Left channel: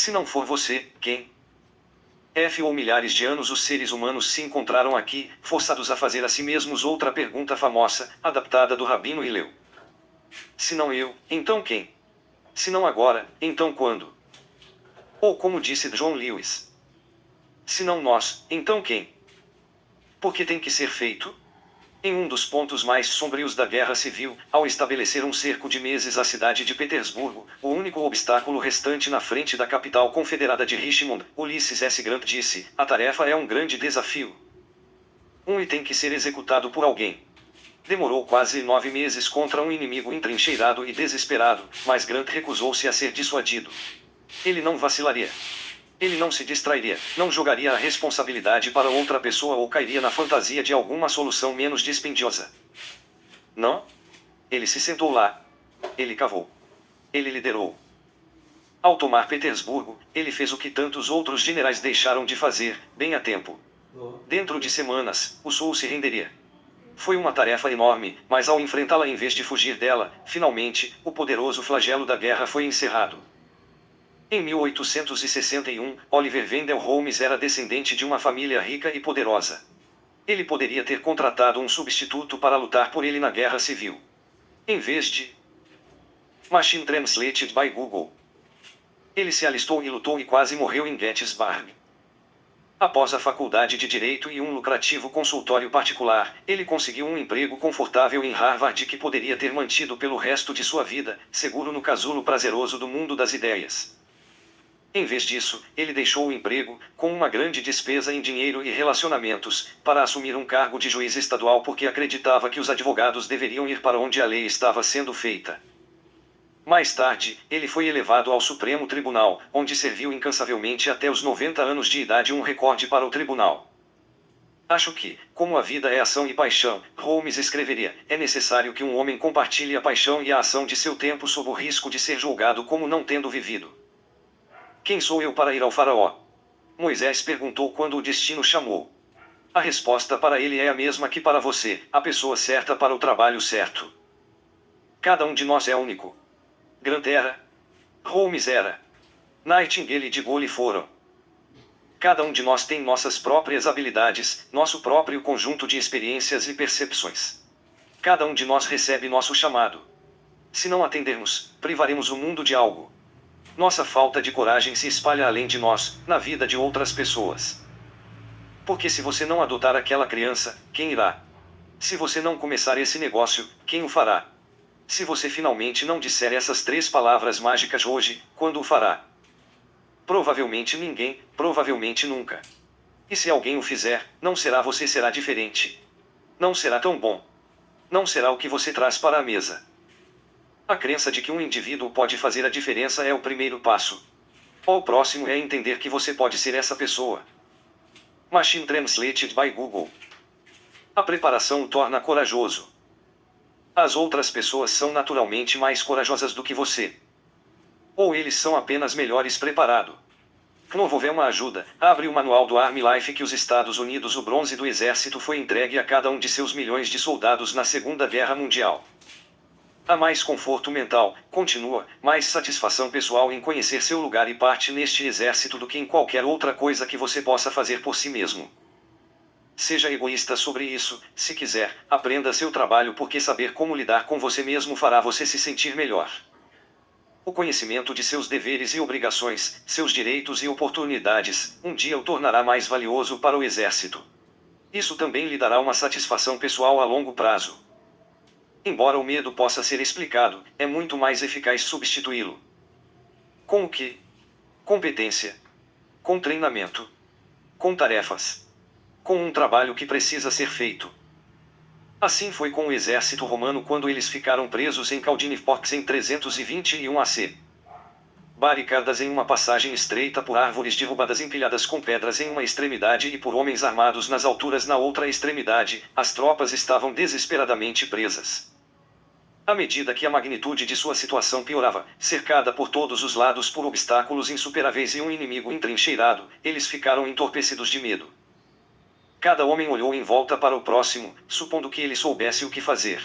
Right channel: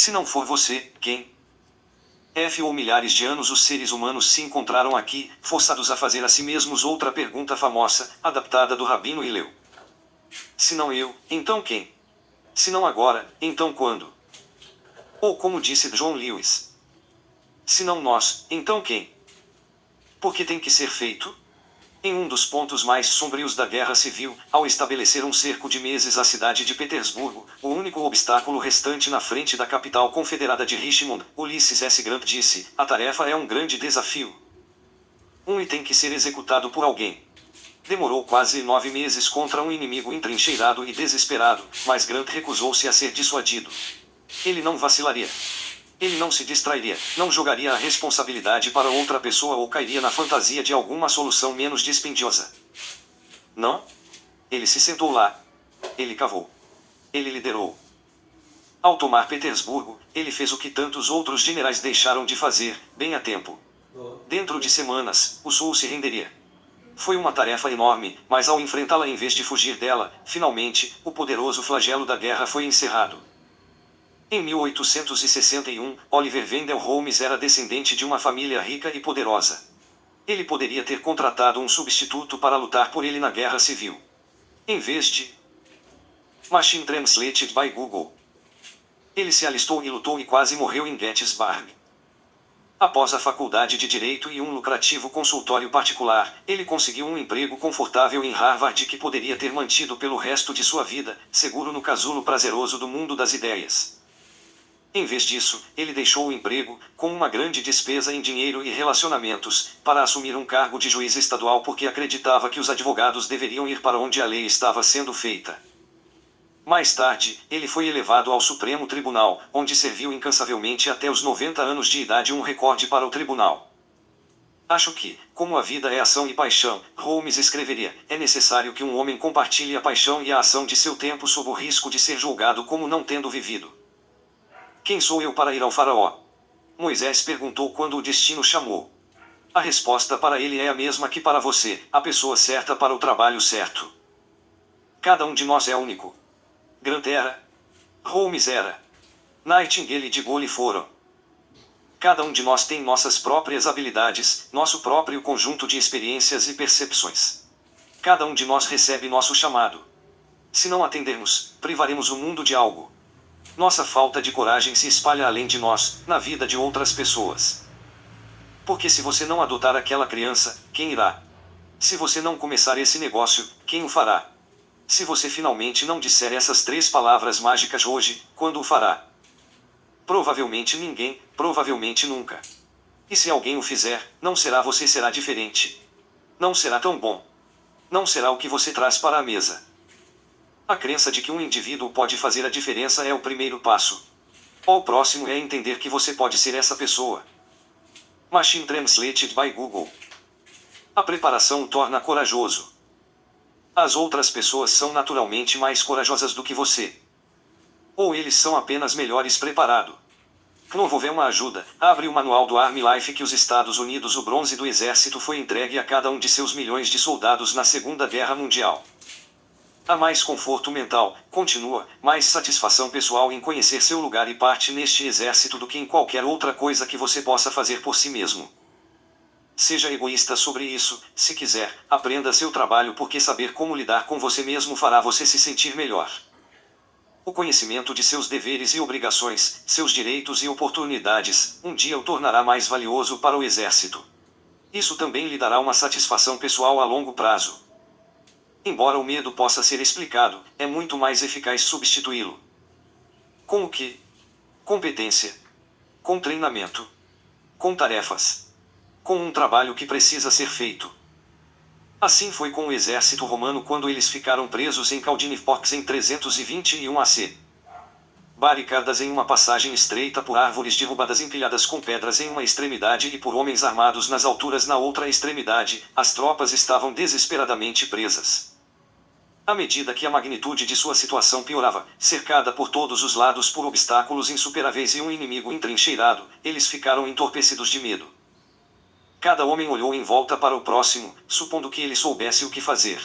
Se não for você, quem? Ou milhares de anos os seres humanos se encontraram aqui, forçados a fazer a si mesmos outra pergunta famosa, adaptada do Rabino Hillel. Se não eu, então quem? Se não agora, então quando? Ou como disse John Lewis. Se não nós, então quem? Porque tem que ser feito? Em um dos pontos mais sombrios da Guerra Civil, ao estabelecer um cerco de meses à cidade de Petersburgo, o único obstáculo restante na frente da capital confederada de Richmond, Ulysses S. Grant disse, a tarefa é um grande desafio. E tem que ser executado por alguém. Demorou quase 9 meses contra um inimigo entrincheirado e desesperado, mas Grant recusou-se a ser dissuadido. Ele não vacilaria. Ele não se distrairia, não jogaria a responsabilidade para outra pessoa ou cairia na fantasia de alguma solução menos dispendiosa. Não? Ele se sentou lá. Ele cavou. Ele liderou. Ao tomar Petersburgo, ele fez o que tantos outros generais deixaram de fazer, bem a tempo. Dentro de semanas, o Sul se renderia. Foi uma tarefa enorme, mas ao enfrentá-la em vez de fugir dela, finalmente, o poderoso flagelo da guerra foi encerrado. Em 1861, Oliver Wendell Holmes era descendente de uma família rica e poderosa. Ele poderia ter contratado um substituto para lutar por ele na Guerra Civil. Em vez de Machine Translated by Google. Ele se alistou e lutou e quase morreu em Gettysburg. Após a faculdade de Direito e um lucrativo consultório particular, ele conseguiu um emprego confortável em Harvard que poderia ter mantido pelo resto de sua vida, seguro no casulo prazeroso do mundo das ideias. Em vez disso, ele deixou o emprego, com uma grande despesa em dinheiro e relacionamentos, para assumir um cargo de juiz estadual porque acreditava que os advogados deveriam ir para onde a lei estava sendo feita. Mais tarde, ele foi elevado ao Supremo Tribunal, onde serviu incansavelmente até os 90 anos de idade, um recorde para o tribunal. Acho que, como a vida é ação e paixão, Holmes escreveria, é necessário que um homem compartilhe a paixão e a ação de seu tempo sob o risco de ser julgado como não tendo vivido. Quem sou eu para ir ao faraó? Moisés perguntou quando o destino chamou. A resposta para ele é a mesma que para você, a pessoa certa para o trabalho certo. Cada um de nós é único. Grant era. Holmes era. Nightingale e de Gaulle foram. Cada um de nós tem nossas próprias habilidades, nosso próprio conjunto de experiências e percepções. Cada um de nós recebe nosso chamado. Se não atendermos, privaremos o mundo de algo. Nossa falta de coragem se espalha além de nós, na vida de outras pessoas. Porque se você não adotar aquela criança, quem irá? Se você não começar esse negócio, quem o fará? Se você finalmente não disser essas 3 palavras mágicas hoje, quando o fará? Provavelmente ninguém, provavelmente nunca. E se alguém o fizer, não será você, será diferente. Não será tão bom. Não será o que você traz para a mesa. A crença de que um indivíduo pode fazer a diferença é o primeiro passo. O próximo é entender que você pode ser essa pessoa. Machine Translated by Google. A preparação o torna corajoso. As outras pessoas são naturalmente mais corajosas do que você. Ou eles são apenas melhores preparados. Knovovel uma ajuda, abre o manual do Army Life que os Estados Unidos, o bronze do exército foi entregue a cada um de seus milhões de soldados na Segunda Guerra Mundial. Há mais conforto mental, continua, mais satisfação pessoal em conhecer seu lugar e parte neste exército do que em qualquer outra coisa que você possa fazer por si mesmo. Seja egoísta sobre isso, se quiser, aprenda seu trabalho porque saber como lidar com você mesmo fará você se sentir melhor. O conhecimento de seus deveres e obrigações, seus direitos e oportunidades, um dia o tornará mais valioso para o exército. Isso também lhe dará uma satisfação pessoal a longo prazo. Embora o medo possa ser explicado, é muito mais eficaz substituí-lo. Com o quê? Competência. Com treinamento. Com tarefas. Com um trabalho que precisa ser feito. Assim foi com o exército romano quando eles ficaram presos em Caldinifox em 321 AC. Barricadas em uma passagem estreita por árvores derrubadas empilhadas com pedras em uma extremidade e por homens armados nas alturas na outra extremidade, as tropas estavam desesperadamente presas. À medida que a magnitude de sua situação piorava, cercada por todos os lados por obstáculos insuperáveis e um inimigo entrincheirado, eles ficaram entorpecidos de medo. Cada homem olhou em volta para o próximo, supondo que ele soubesse o que fazer.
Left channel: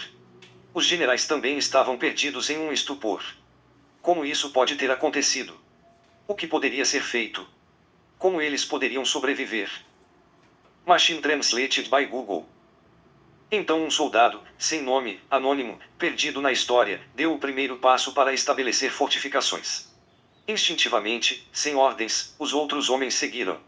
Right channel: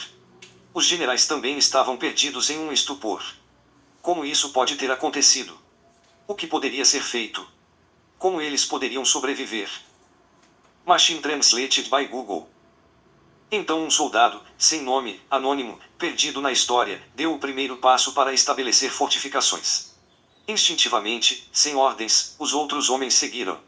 Os generais também estavam perdidos em um estupor. Como isso pode ter acontecido? O que poderia ser feito? Como eles poderiam sobreviver? Machine Translated by Google. Então um soldado, sem nome, anônimo, perdido na história, deu o primeiro passo para estabelecer fortificações. Instintivamente, sem ordens, os outros homens seguiram.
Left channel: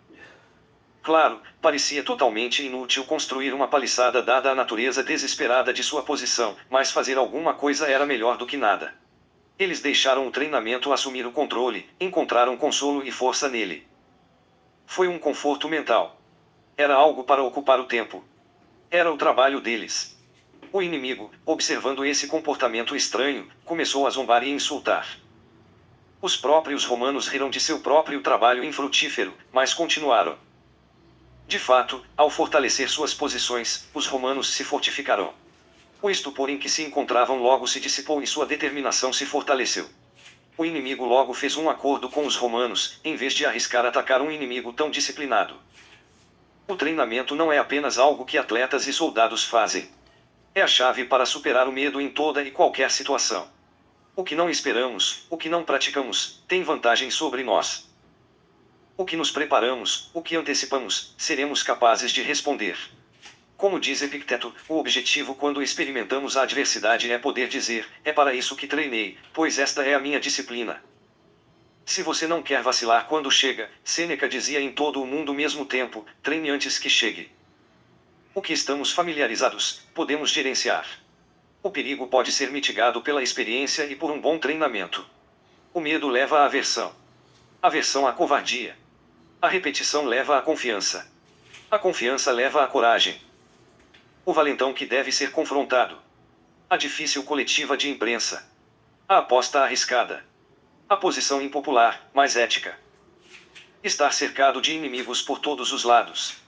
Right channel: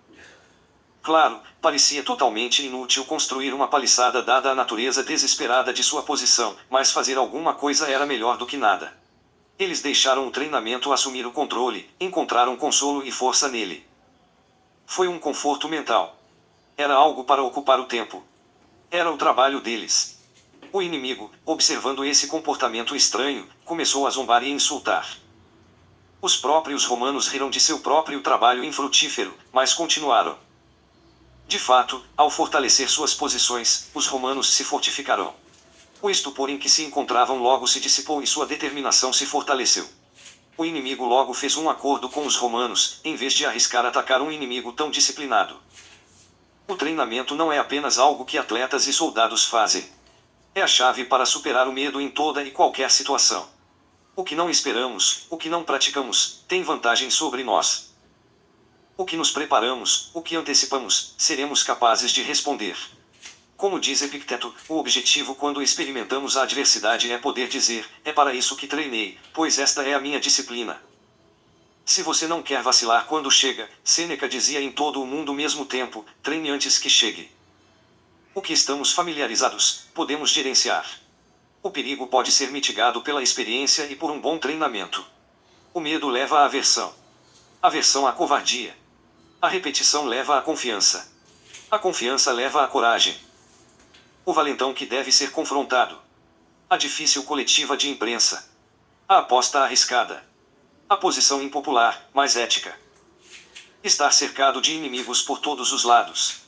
Claro, parecia totalmente inútil construir uma paliçada dada a natureza desesperada de sua posição, mas fazer alguma coisa era melhor do que nada. Eles deixaram o treinamento assumir o controle, encontraram consolo e força nele. Foi um conforto mental. Era algo para ocupar o tempo. Era o trabalho deles. O inimigo, observando esse comportamento estranho, começou a zombar e insultar. Os próprios romanos riram de seu próprio trabalho infrutífero, mas continuaram. De fato, ao fortalecer suas posições, os romanos se fortificaram. O estupor em que se encontravam logo se dissipou e sua determinação se fortaleceu. O inimigo logo fez um acordo com os romanos, em vez de arriscar atacar um inimigo tão disciplinado. O treinamento não é apenas algo que atletas e soldados fazem. É a chave para superar o medo em toda e qualquer situação. O que não esperamos, o que não praticamos, tem vantagem sobre nós. O que nos preparamos, o que antecipamos, seremos capazes de responder. Como diz Epicteto, o objetivo quando experimentamos a adversidade é poder dizer, é para isso que treinei, pois esta é a minha disciplina. Se você não quer vacilar quando chega, Sêneca dizia em todo o mundo ao mesmo tempo, treine antes que chegue. O que estamos familiarizados, podemos gerenciar. O perigo pode ser mitigado pela experiência e por um bom treinamento. O medo leva à aversão. Aversão à covardia. A repetição leva à confiança. A confiança leva à coragem. O valentão que deve ser confrontado. A difícil coletiva de imprensa. A aposta arriscada. A posição impopular, mas ética. Estar cercado de inimigos por todos os lados.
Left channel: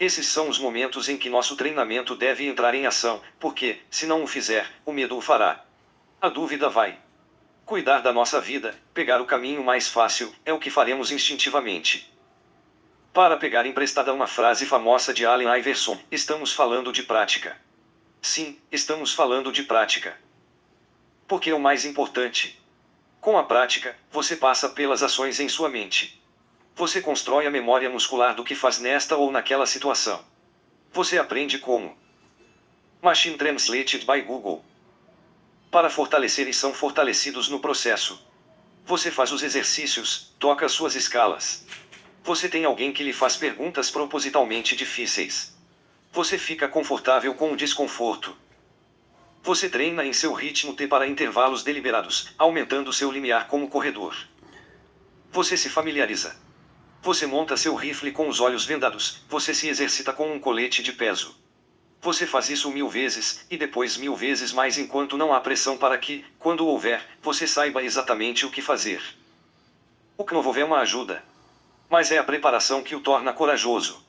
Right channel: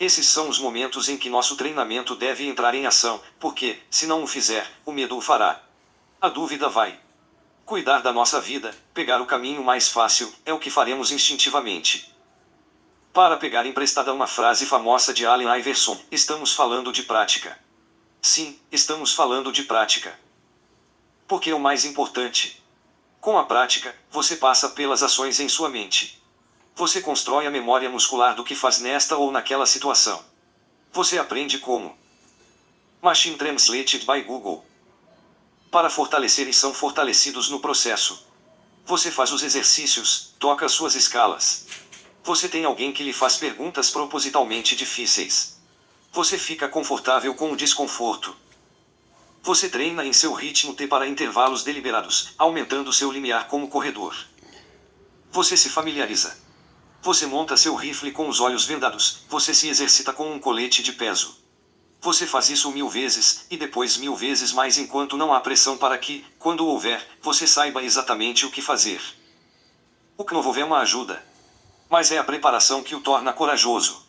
Esses são os momentos em que nosso treinamento deve entrar em ação, porque, se não o fizer, o medo o fará. A dúvida vai. Cuidar da nossa vida, pegar o caminho mais fácil, é o que faremos instintivamente. Para pegar emprestada uma frase famosa de Allen Iverson, estamos falando de prática. Sim, estamos falando de prática. Porque é o mais importante. Com a prática, você passa pelas ações em sua mente. Você constrói a memória muscular do que faz nesta ou naquela situação. Você aprende como. Machine Translated by Google. Para fortalecer e são fortalecidos no processo. Você faz os exercícios, toca suas escalas. Você tem alguém que lhe faz perguntas propositalmente difíceis. Você fica confortável com o desconforto. Você treina em seu ritmo T para intervalos deliberados, aumentando seu limiar como corredor. Você se familiariza. Você monta seu rifle com os olhos vendados, você se exercita com um colete de peso. Você faz isso 1000 vezes, e depois 1000 vezes mais enquanto não há pressão para que, quando houver, você saiba exatamente o que fazer. O que não houver é uma ajuda. Mas é a preparação que o torna corajoso.